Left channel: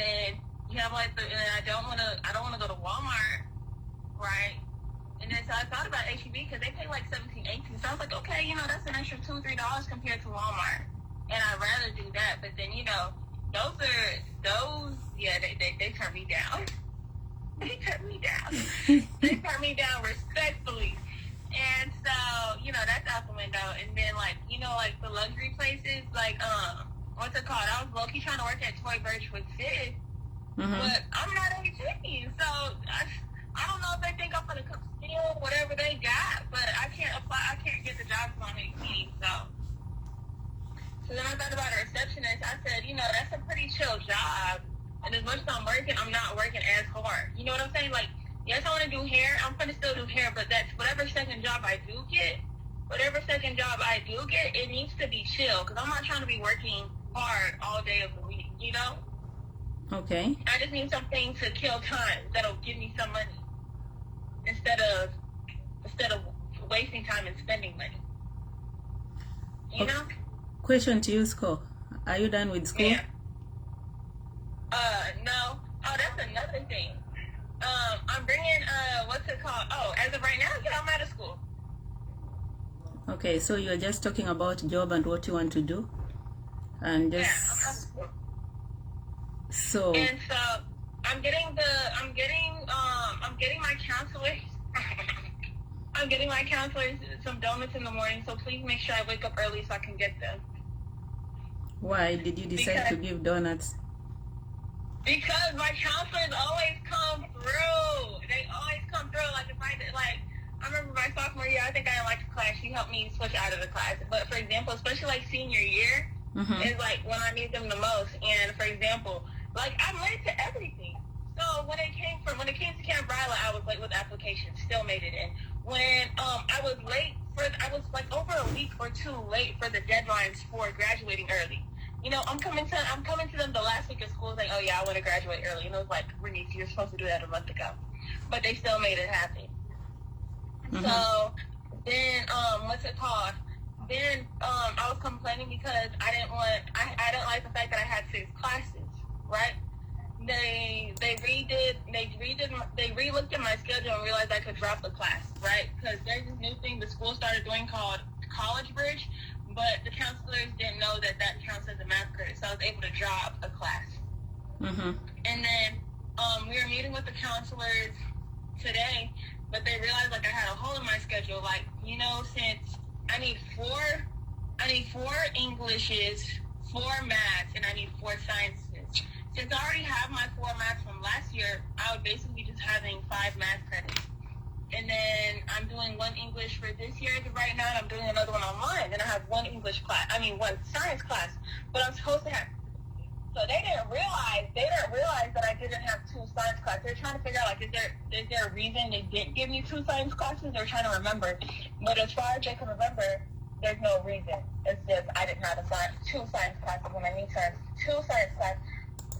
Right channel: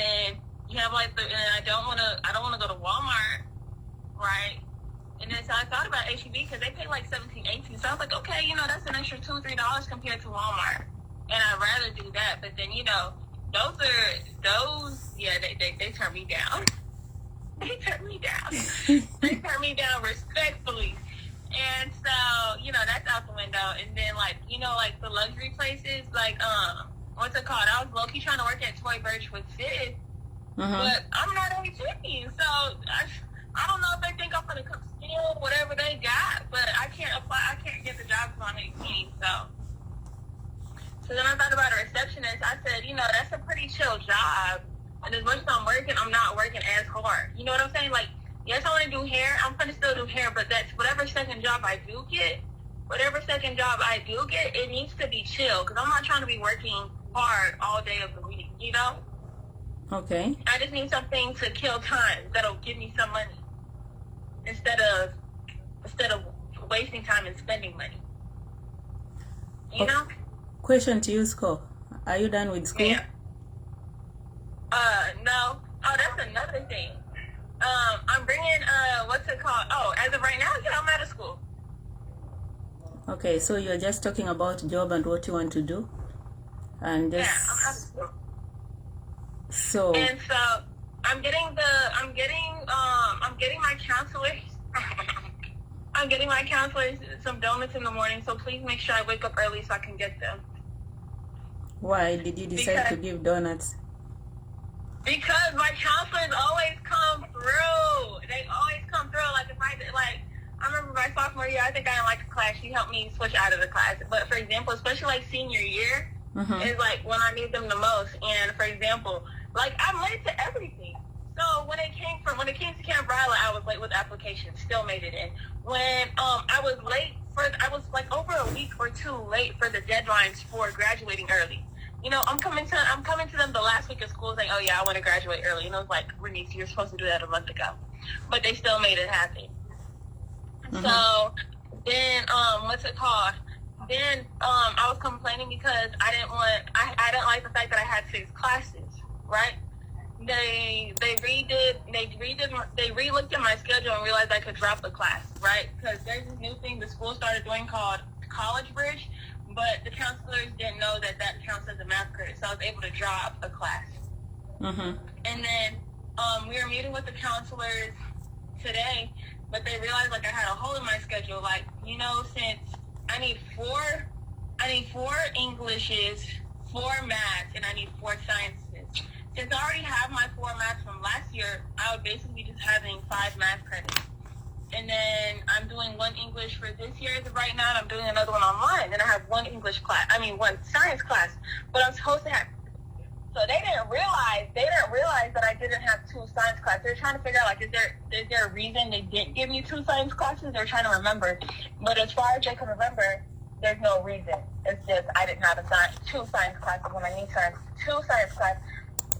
then you have like and I don't want to go to Walmart, right? And then so I thought about HEB because they pay like 17, 18. So I was like, okay, that's an extra $2-3 compared to Walmart, and I'd rather do that. But then they turn me down. They turn me down. They turn me down respectfully. And so, that's out the window. And then, like the luxury places, like, what's it called? I was low-key trying to work at Toy Birch with Sid, but I'm not 18, so I don't know if they think I'm going to come steal whatever they got, but I can't apply. I can't get the job on 18, So then I thought about a receptionist. I said, that's a pretty chill job. And as much as I'm working, I'm not working as hard. You know what I'm saying? Like, yes, I want to do hair. I'm going to still do hair, but that's whatever second job I do get, it needs to be chill because I'm not trying to be working hard all day of the week, Okay. I just need something to kill time that'll give me some money instead of wasting time and spending money. You know? Question to you, Scott. Are you done with school? Yeah. No. Oh, that's another thing. I'm bringing, what's it called? Oh, as of right now, I'm out of school. Okay, so you're just talking about job and what you want to do? And just... Yeah, I'm out of school. So... And so, I'm getting my counselors. I'm getting my counselors some donuts in the morning, so please make sure I wake up early so I can get them. Why did you decide to give donuts? Because my counselors always come through. They always come through. Like, if I remember my sophomore year, I think I didn't like the class. She helped me switch out of the class. But, for example, especially, like, senior year is, like, when I need them the most. And, for example, like, I'm late to everything. So, when it came to Camp Riley, I was late with applications. Still made it in. When I was like over a week or two late for the deadlines for graduating early. I'm coming to them the last week of school saying, oh yeah, I want to graduate early. And it was like, Bernice, you're supposed to do that a month ago. But they still made it happen. So then, what's it called? Then I was complaining because I didn't like the fact that I had 6 classes, right? They re-looked at my schedule and realized I could drop a class, right? Because there's this new thing the school started doing called College Bridge, but the counselors didn't know that counts as a math credit, so I was able to drop a class. And then we were meeting with the counselors today, but they realized like I had a hole in my schedule. Like, since I need 4 Englishes, 4 maths, and I need 4 sciences. Since I already have my 4 maths from last year, I would basically be just having 5 math credits. And then I'm doing 1 English for this year as of right now, and I'm doing another one online. And I have 1 1 science class, but I'm supposed to have. So they didn't realize that I didn't have 2 science classes. They're trying to figure out, like, is there a reason they didn't give me 2 science classes? They're trying to remember. But as far as they can remember, there's no reason. It's just I didn't have 2 science classes when I need 2 science classes.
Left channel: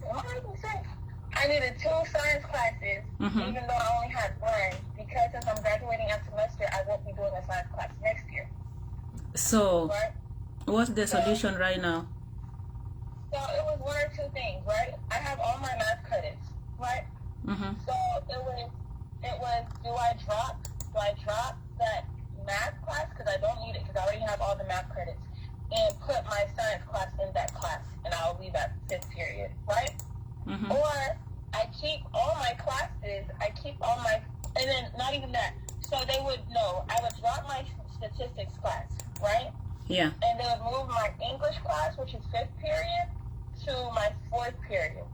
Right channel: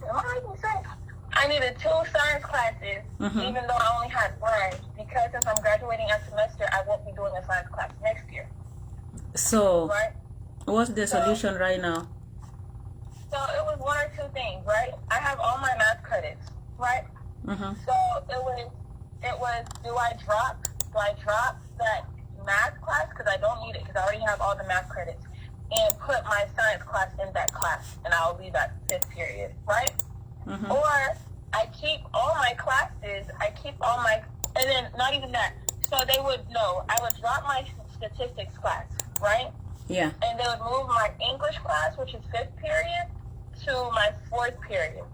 Am I making sense? I needed 2 science classes, even though I only had 1, because since I'm graduating next semester, I won't be doing a science class next year. So, right? What's the solution right now? So it was 1 or 2 things, right? I have all my math credits, right? So it was, do I drop that math class because I don't need it because I already have all the math credits, and put my science class in that class, and I'll leave at 5th period, right? Or I keep all my classes, and then not even that. So I would drop my statistics class, right? Yeah. And they would move my English class, which is 5th period, to my 4th period.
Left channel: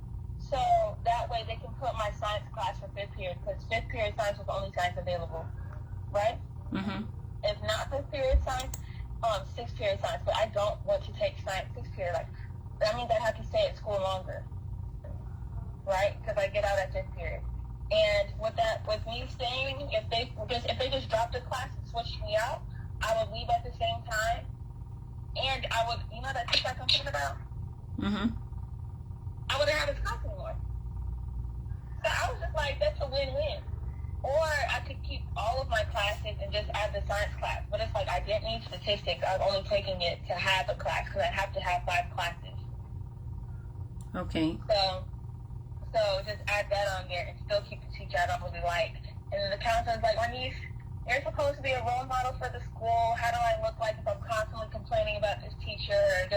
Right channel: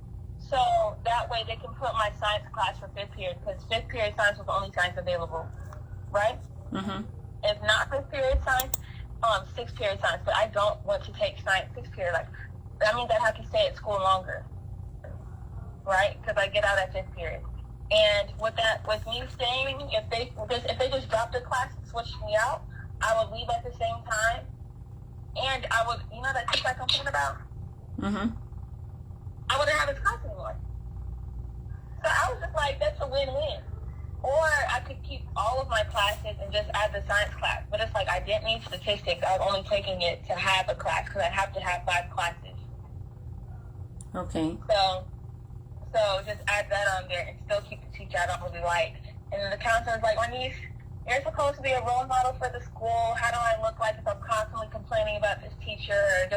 So that way they can put my science class for 5th period, because 5th period science was the only science available, right? It's not 5th period science, 6th period science, but I don't want to take science 6th period. Like, that means I have to stay at school longer, right? Because I get out at 5th period. And with me staying, if they just dropped the class and switched me out, I would leave at the same time, and I would, that kickback I'm thinking about? I wouldn't have this class anymore. So I was just like, that's a win-win. Or I could keep all of my classes and just add the science class. But it's like I didn't need statistics. I was only taking it to have a class because I have to have 5 classes. Okay. So So just add that on there and still keep the teacher I don't really like. And then the counselor's like, my niece, you're supposed to be a role model for the school. How do I look like if I'm constantly complaining about this teacher?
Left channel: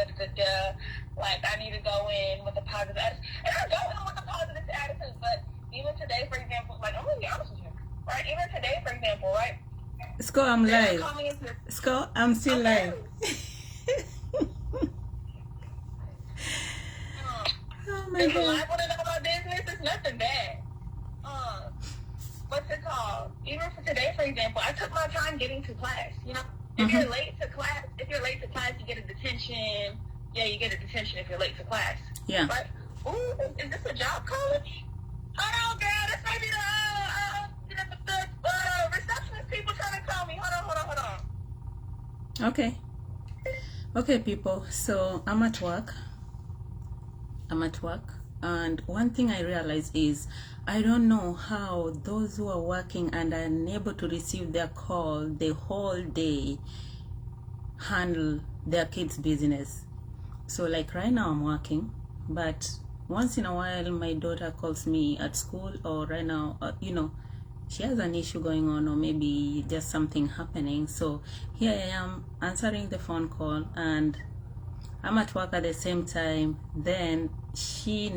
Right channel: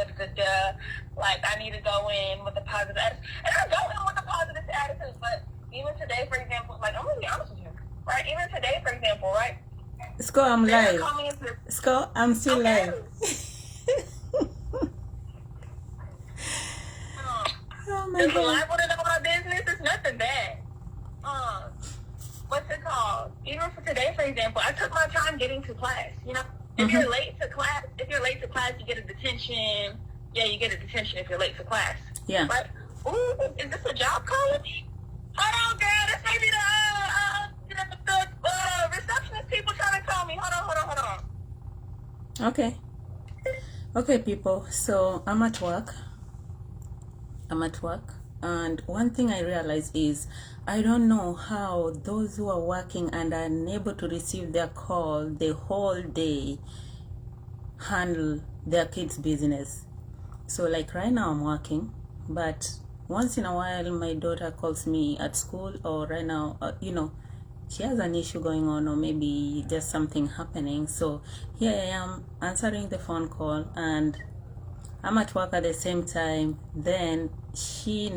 Like, I need to go in with a positive attitude. And I go in with a positive attitude. But even today, for example, like, I'm going to be honest with you, right? Even today, for example, right? Sco, I'm live. Into... Sco, I'm still live. Oh my if God. I want to know my business, it's nothing bad. What's it called? Even for today, for example, I took my time getting to class. You know, if you're late to class, you get a detention. Yeah, you get a detention if you're late to class. Yeah. But ooh, is this a job calling me? Hold on, girl. This may be the receptionist people trying to call me. Hold on. Okay. Okay, people. So I'm at work. And one thing I realize is I don't know how those who are working and are unable to receive their call the whole day handle their kids' business. So like right now I'm working, but once in a while my daughter calls me at school, or right now, she has an issue going on, or maybe there's something happening. So here I am answering the phone call, and I'm at work at the same time. Then she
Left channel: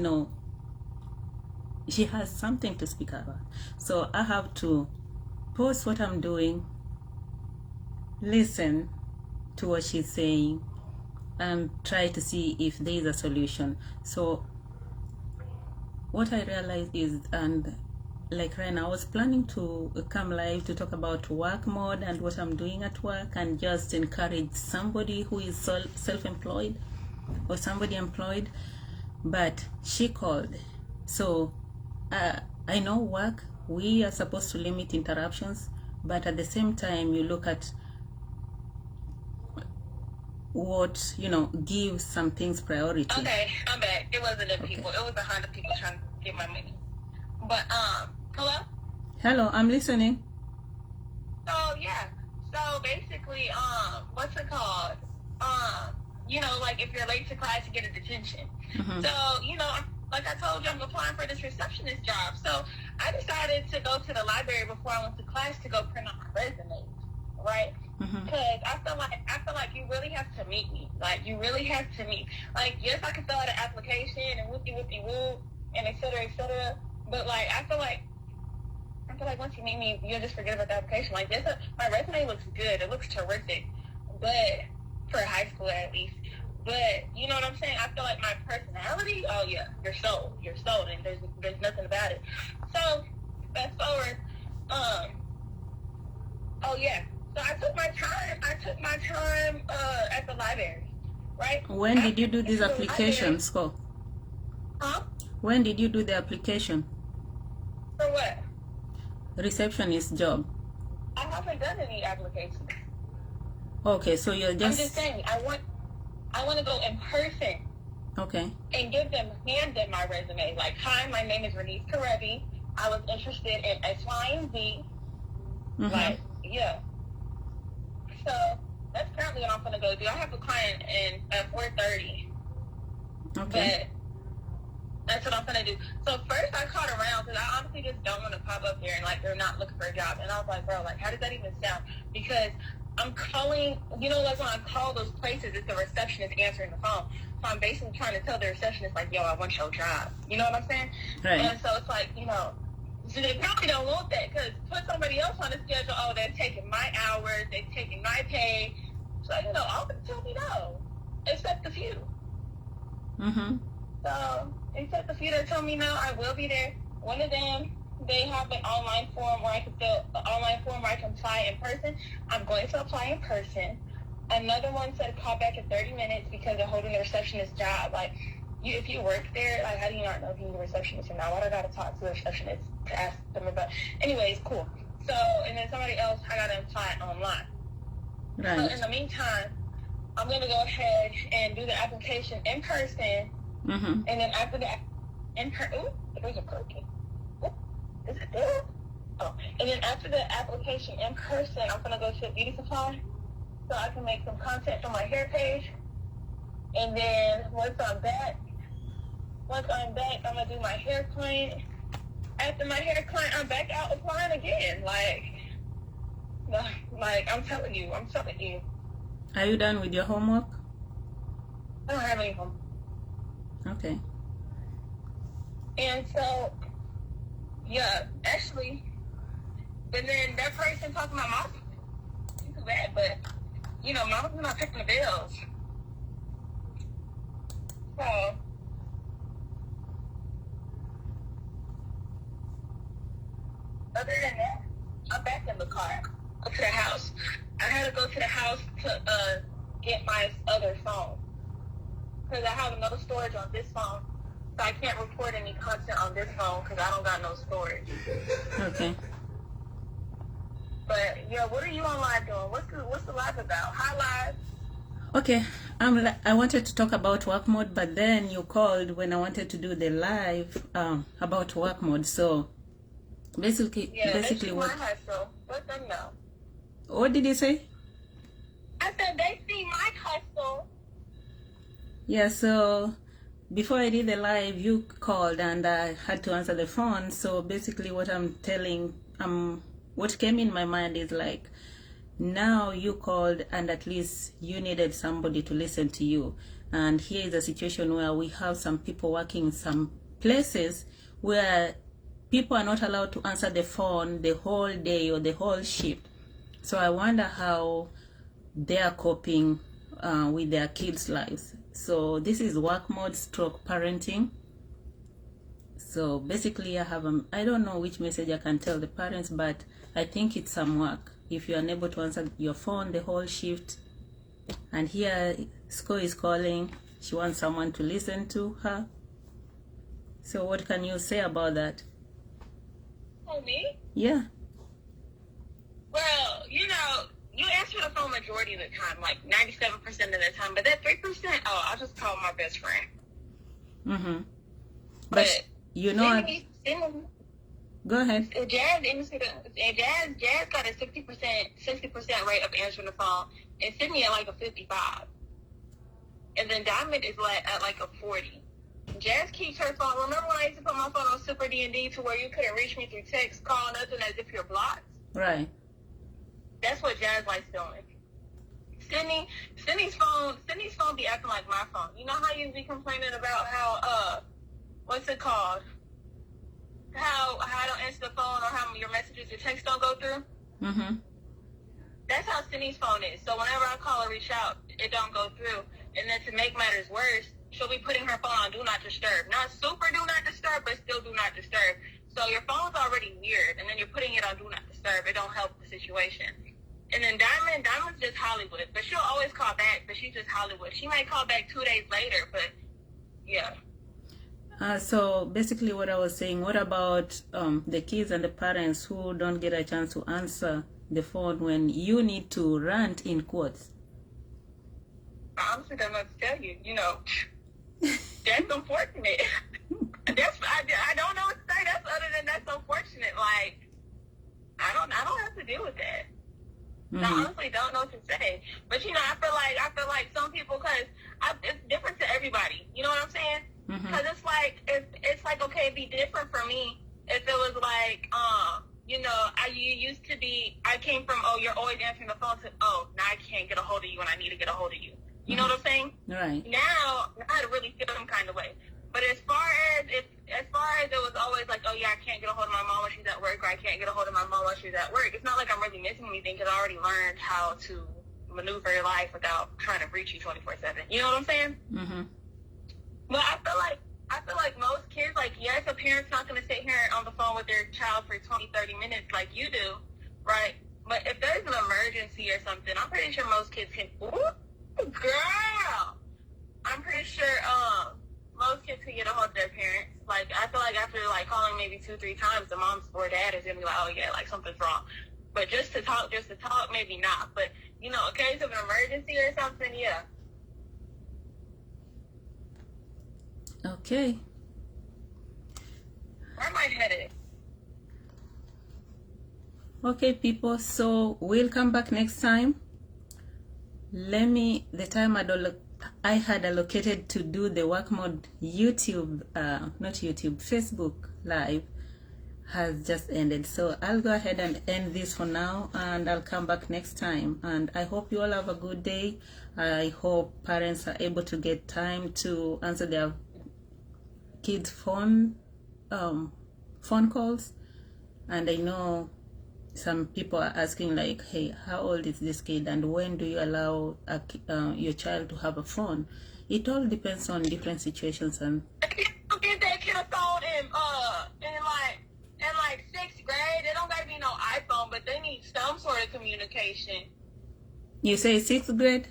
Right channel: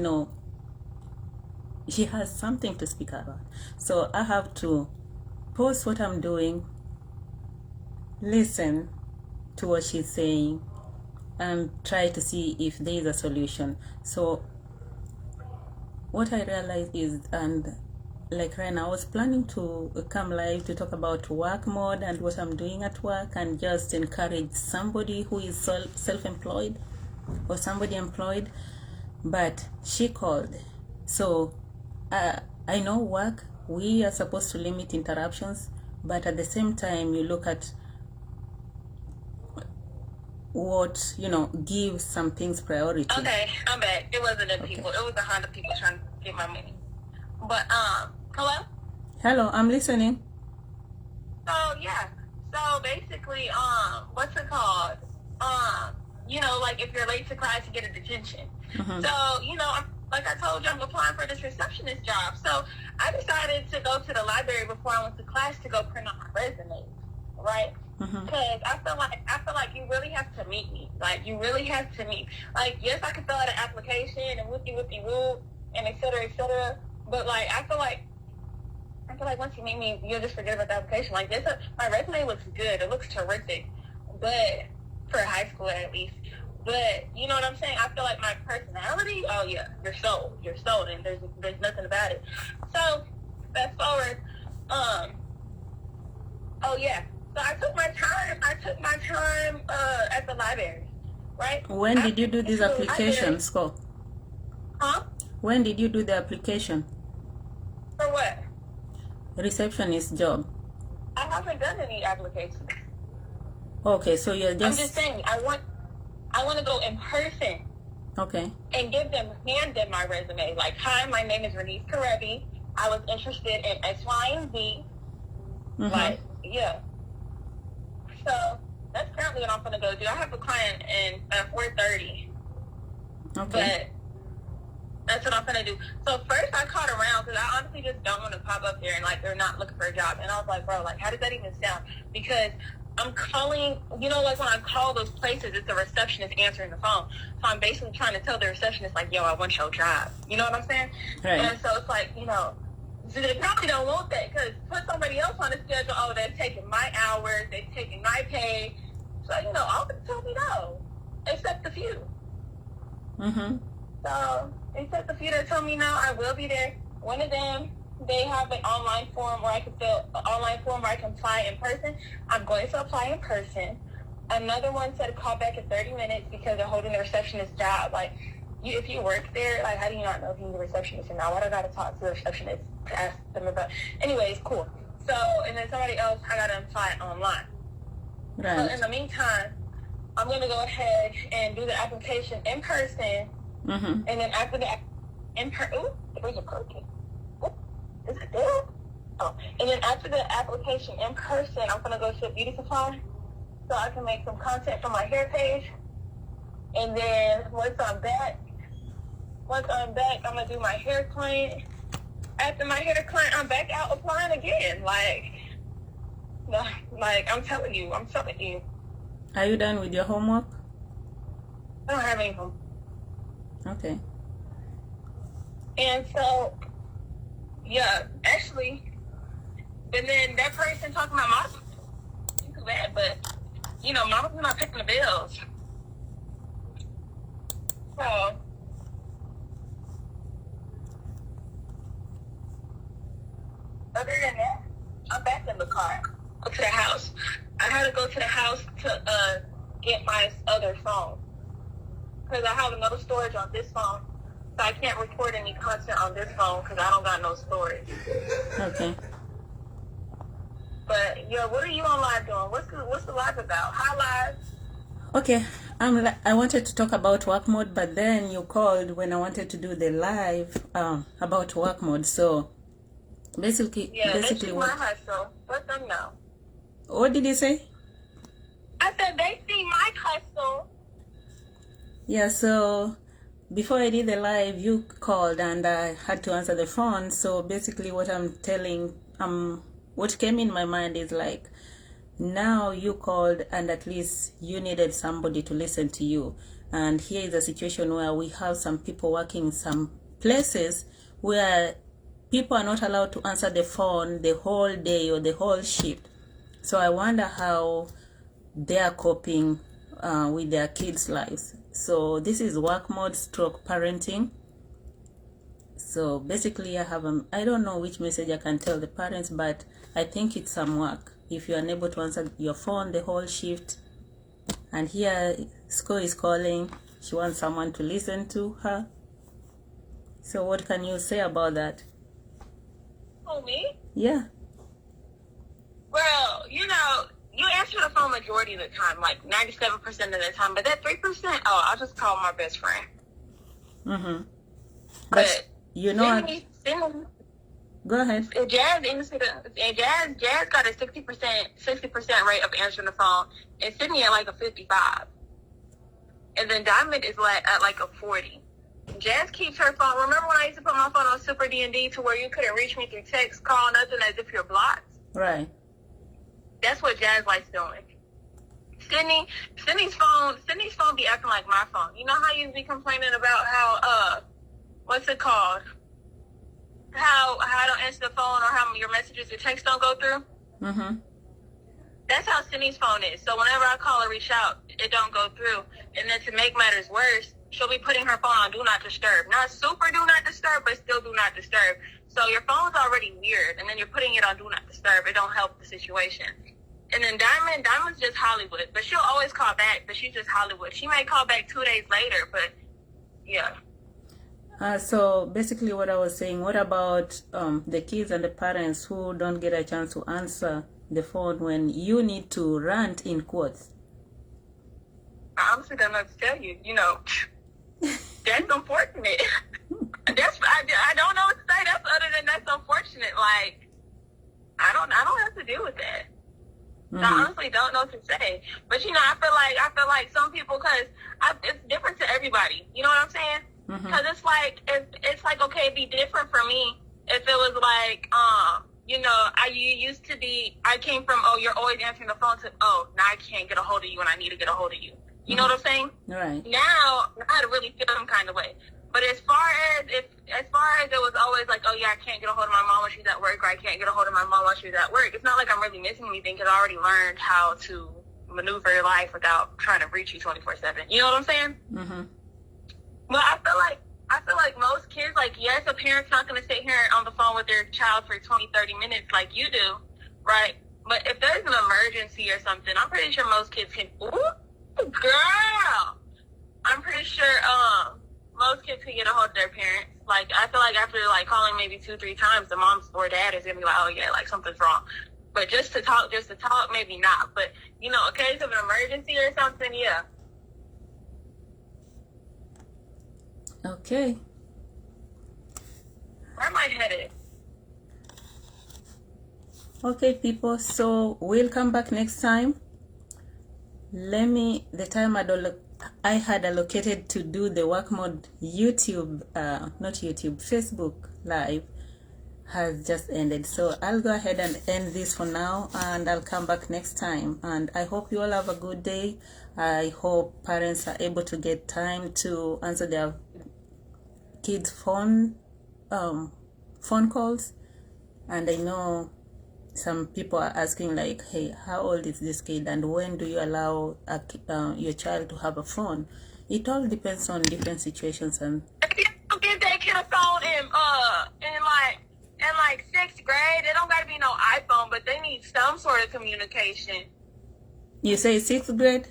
has something to speak about. So I have to pause what I'm doing, listen to what she's saying, and try to see if there is a solution. So what I realized is, and like right now I was planning to come live to talk about work mode and what I'm doing at work, and just encourage somebody who is self-employed or somebody employed, but she called. So I know work, we are supposed to limit interruptions, but at the same time you look at what, give some things priority. Okay, I'm back. It wasn't the people. It was 100 people trying to get my money. But, hello? Hello, I'm listening. So, yeah. So, basically, what's it called? Like, if you're late to class, you get a detention. So, like I told you, I'm applying for this receptionist job. So, I decided to go to the library before I went to class to go print out my resume, right? Because I feel like you really have to meet me. Like, you really have to meet. Like, yes, I can fill out an application and whoopty-whoopty-whoop and et cetera, but, like, I feel like once you meet me, you'll just forget about the application. Like, my resume looks good. It looks terrific. But, for high school at least. But, you know what I'm saying? I feel like my personality, oh, yeah, you're sold, and there's nothing about it. So, fast forward, oh, yeah. So I took my time at the library, right? When did you do this application, Scott? Huh? When did you do the application? For what? Receptionist job. I haven't done any applications. Okay, so you're just... I'm just saying, I want to go in person. Okay. And hand them my resume. Like, hi, my name is Renise Karevi. I was interested in X, Y, and Z. Like, yeah. So that's currently what I'm going to go do. I have a client at 4:30. Okay. But that's what I'm going to do. So first I called around because I honestly just don't want to pop up there and, like, they're not looking for a job. And I was like, bro, like, how does that even sound? Because I'm calling, like when I call those places, it's the receptionist answering the phone. So I'm basically trying to tell the receptionist, like, yo, I want your job. You know what I'm saying? Right. And so it's like, so they probably don't want that because put somebody else on the schedule, oh, they're taking my hours, they're taking my pay. So, all of them tell me no, except a few. So, except the few that told me no, I will be there. One of them, they have an online form where I can apply in person. I'm going to apply in person. Another one said call back in 30 minutes because they're holding the receptionist job. Like, if you work there, like, how do you not know if you're a receptionist or not? Why do I got to talk to the receptionist to ask them about? Anyways, cool. So, and then somebody else, I got to apply online. Right. So, in the meantime, I'm going to go ahead and do the application in person. And then after the there's a cookie. Is it there? Oh, and then after the application in person, I'm going to go to a beauty supply so I can make some content for my hair page. And then once I'm once I'm back, I'm gonna do my hair client. After my hair client, I'm back out applying again. Like I'm telling you. Are you done with your homework? I don't have any home. Okay. And so, yeah, actually, and then that person talking about mom, too bad, but mama's not picking the bills. So, other than that, I'm back in the car. Go to the house. I had to go to the house to get my other phone because I have no storage on this phone, so I can't record any content on this phone because I don't got no storage. Okay. But yeah, what are you on live doing? What's the live about? Hi live. Okay. I wanted to talk about work mode, but then you called when I wanted to do the live about work mode. So basically what? My hustle. Let them know. What did you say? I said they see my hustle. Yeah. So before I did the live, you called and I had to answer the phone. So basically, what what came in my mind is like, now you called and at least you needed somebody to listen to you. And here is a situation where we have some people working in some places where people are not allowed to answer the phone the whole day or the whole shift. So I wonder how they are coping with their kids' lives. So this is work mode stroke parenting. So basically I don't know which message I can tell the parents, but I think it's some work. If you're unable to answer your phone the whole shift, and here Sko is calling, she wants someone to listen to her. So what can you say about that? Oh, me? Yeah. Well, you answer the phone majority of the time, like 97% of the time, but that 3%, I'll just call my best friend. Mm-hmm. But you know what? Go ahead. Jazz got a 60% rate of answering the phone, and Sydney at like a 55. And then Diamond is at like a 40. Jazz keeps her phone. Remember when I used to put my phone on Super D&D to where you couldn't reach me through text, call, nothing, as if you're blocked? Right. That's what Jazz likes doing. Sydney's phone be acting like my phone. You know how you be complaining about how what's it called? How I don't answer the phone or how your messages or text don't go through? Mm-hmm. That's how Sydney's phone is. So whenever I call or reach out, it don't go through. And then to make matters worse, she'll be putting her phone on Do Not Disturb. Not super Do Not Disturb, but still Do Not Disturb. So your phone's already weird, and then you're putting it on Do Not Disturb. It don't help the situation. And then Diamond's just Hollywood. But she'll always call back, but she's just Hollywood. She might call back 2 days later, but yeah. So basically what I was saying, what about the kids and the parents who don't get a chance to answer the phone when you need to rant in quotes? I honestly don't know what to tell you. That's unfortunate. I don't know what to say. That's unfortunate. Like, I don't have to deal with that. Mm-hmm. I honestly don't know what to say. But I feel like some people, because it's different to everybody. You know what I'm saying? Because it's like okay, it'd be different for me if it was like I came from you're always answering the phone to now I can't get a hold of you and I need to get a hold of you. You know what I'm saying? Right. Now I really feel some kind of way. But as far as it was always like, oh yeah, I can't get a hold of my mom while she's at work, or I can't get a hold of my mom while she's at work. It's not like I'm really missing anything because I already learned how to maneuver life without trying to reach you 24/7. You know what I'm saying? Mm-hmm. Well, I feel like most kids, like, yes, a parent's not going to sit here on the phone with their child for 20, 30 minutes like you do, right? But if there's an emergency or something, I'm pretty sure most kids can, ooh, girl! I'm pretty sure most kids can get a hold of their parents. Like, I feel like after, like, calling maybe 2-3 times, the mom or dad is going to be like, oh, yeah, like, something's wrong. But just to talk, maybe not. But, in case of an emergency or something, yeah. Okay. Where am I headed? Okay, people. So we'll come back next time. The time I don't look. I had allocated to do the work mode Facebook Live has just ended. So I'll go ahead and end this for now, and I'll come back next time. And I hope you all have a good day. I hope parents are able to get time to answer their kids' phone calls. And I know some people are asking like, hey, how old is this kid, and when do you allow your child to have a phone? It all depends on different situations. And if you don't give that kid a phone in like 6th grade, it don't gotta be no iPhone, but they need some sort of communication. You say 6th grade?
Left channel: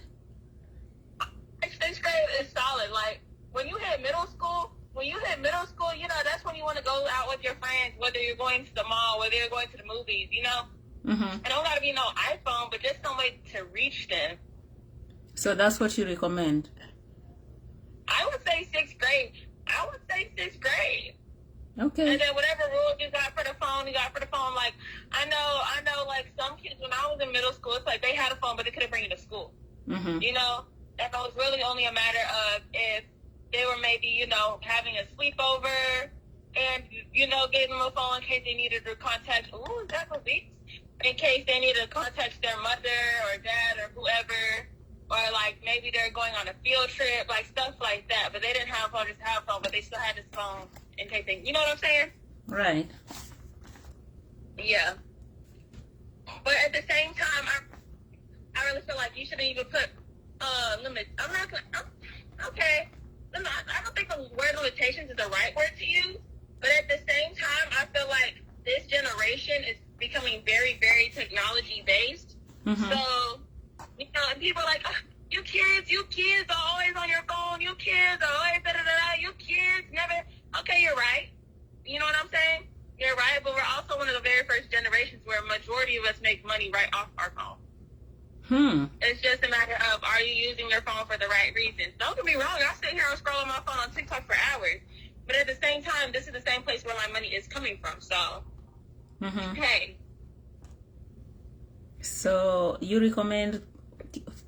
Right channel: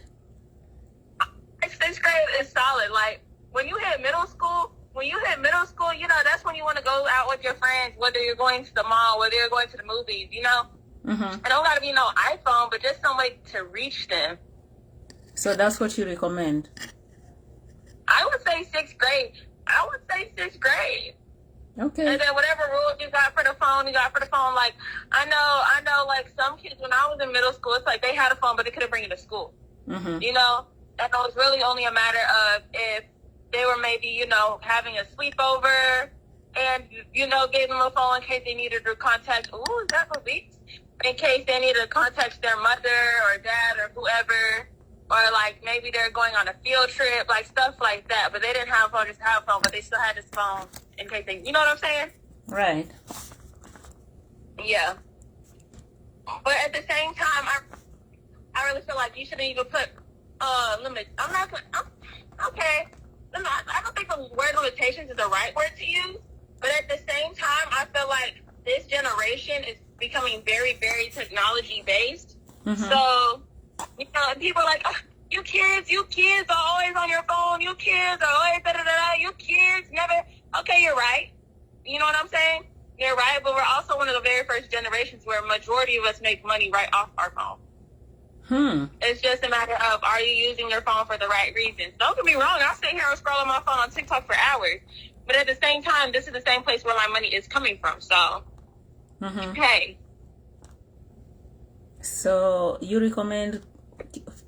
6th grade is solid. Like when you hit middle school, you know, that's when you want to go out with your friends, whether you're going to the mall, whether you're going to the movies, you know? Mm-hmm. It don't got to be no iPhone, but just some way to reach them. So that's what you recommend? I would say 6th grade. Okay. And then whatever rules you got for the phone, Like, I know, like, some kids, when I was in middle school, it's like they had a phone, but they couldn't bring it to school. Mm-hmm. You know? And it was really only a matter of if they were maybe, you know, having a sleepover and, you know, gave them a phone in case they needed to contact, is that for weeks? In case they needed to contact their mother or dad or whoever, or like maybe they're going on a field trip, like stuff like that. But they didn't have a phone, just have a phone, but they still had this phone in case they, you know what I'm saying? Right. Yeah. But at the same time, I really feel like you shouldn't even put limits. Okay. I don't think the word limitations is the right word to use, but at the same time, I feel like this generation is becoming very, very technology based. Mm-hmm. So, you know, and people are like, you kids are always on your phone. You kids are always You kids never. Okay, you're right. You know what I'm saying? You're right, but we're also one of the very first generations where a majority of us make money right off our phone. It's just a matter of, are you using your phone for the right reasons? Don't get me wrong, I sit here and scroll on my phone on TikTok for hours. But at the same time, this is the same place where my money is coming from. So, hey. So you recommend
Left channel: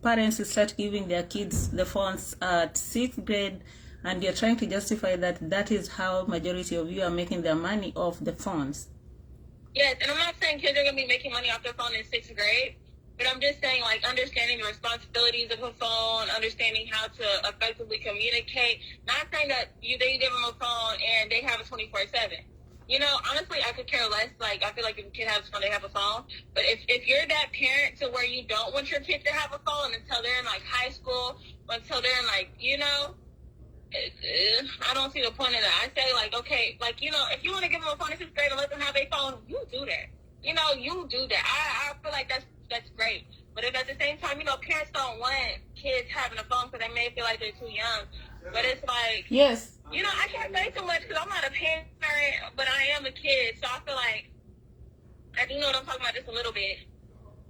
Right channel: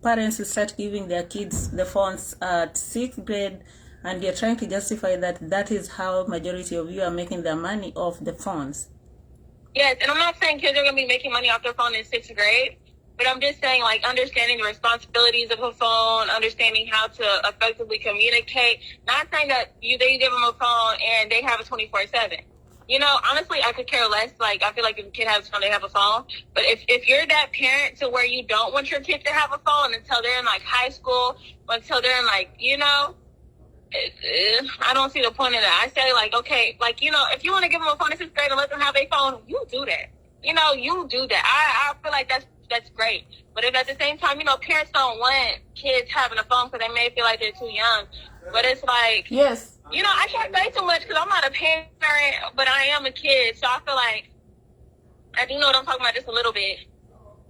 parents to start giving their kids the phones at 6th grade, and you're trying to justify that is how majority of you are making their money off the phones? Yes, and I'm not saying kids are going to be making money off their phone in 6th grade. But I'm just saying, like, understanding the responsibilities of a phone, understanding how to effectively communicate. Not saying that they give them a phone and they have a 24/7. You know, honestly, I could care less. Like, I feel like if a kid has a phone, they have a phone. But if you're that parent to where you don't want your kid to have a phone until they're in, like, high school, until they're in, like, you know, I don't see the point in that. I say, like, okay, like, you know, if you want to give them a phone in 6th grade and let them have a phone, you do that. You know, you do that. I feel like that's great. But if at the same time, you know, parents don't want kids having a phone because they may feel like they're too young. But it's like, yes, you know, I can't say too much because I'm not a parent, but I am a kid. So I feel like I do know what I'm talking about just a little bit.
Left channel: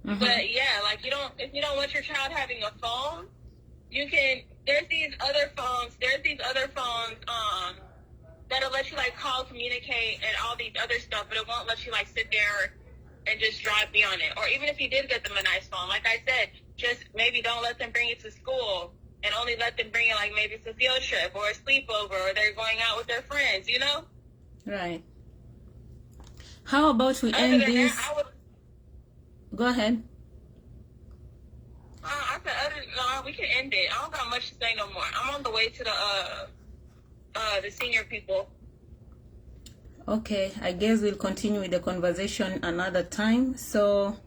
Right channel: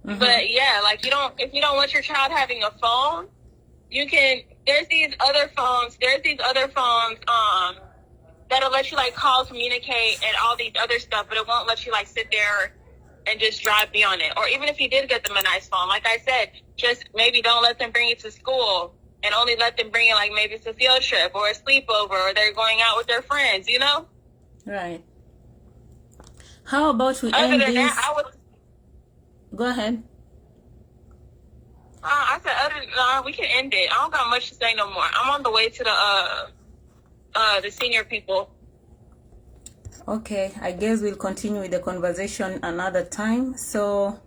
Mm-hmm. But yeah, like if you don't want your child having a phone, there's these other phones that'll let you like call, communicate, and all these other stuff, but it won't let you like sit there and just drive me on it. Or even if you did get them a nice phone, like I said, just maybe don't let them bring it to school and only let them bring it like maybe it's a field trip or a sleepover or they're going out with their friends, you know? Right. How about we end this? Go ahead. I said, we can end it. I don't got much to say no more. I'm on the way to the senior people. Okay, I guess we'll continue with the conversation another time. So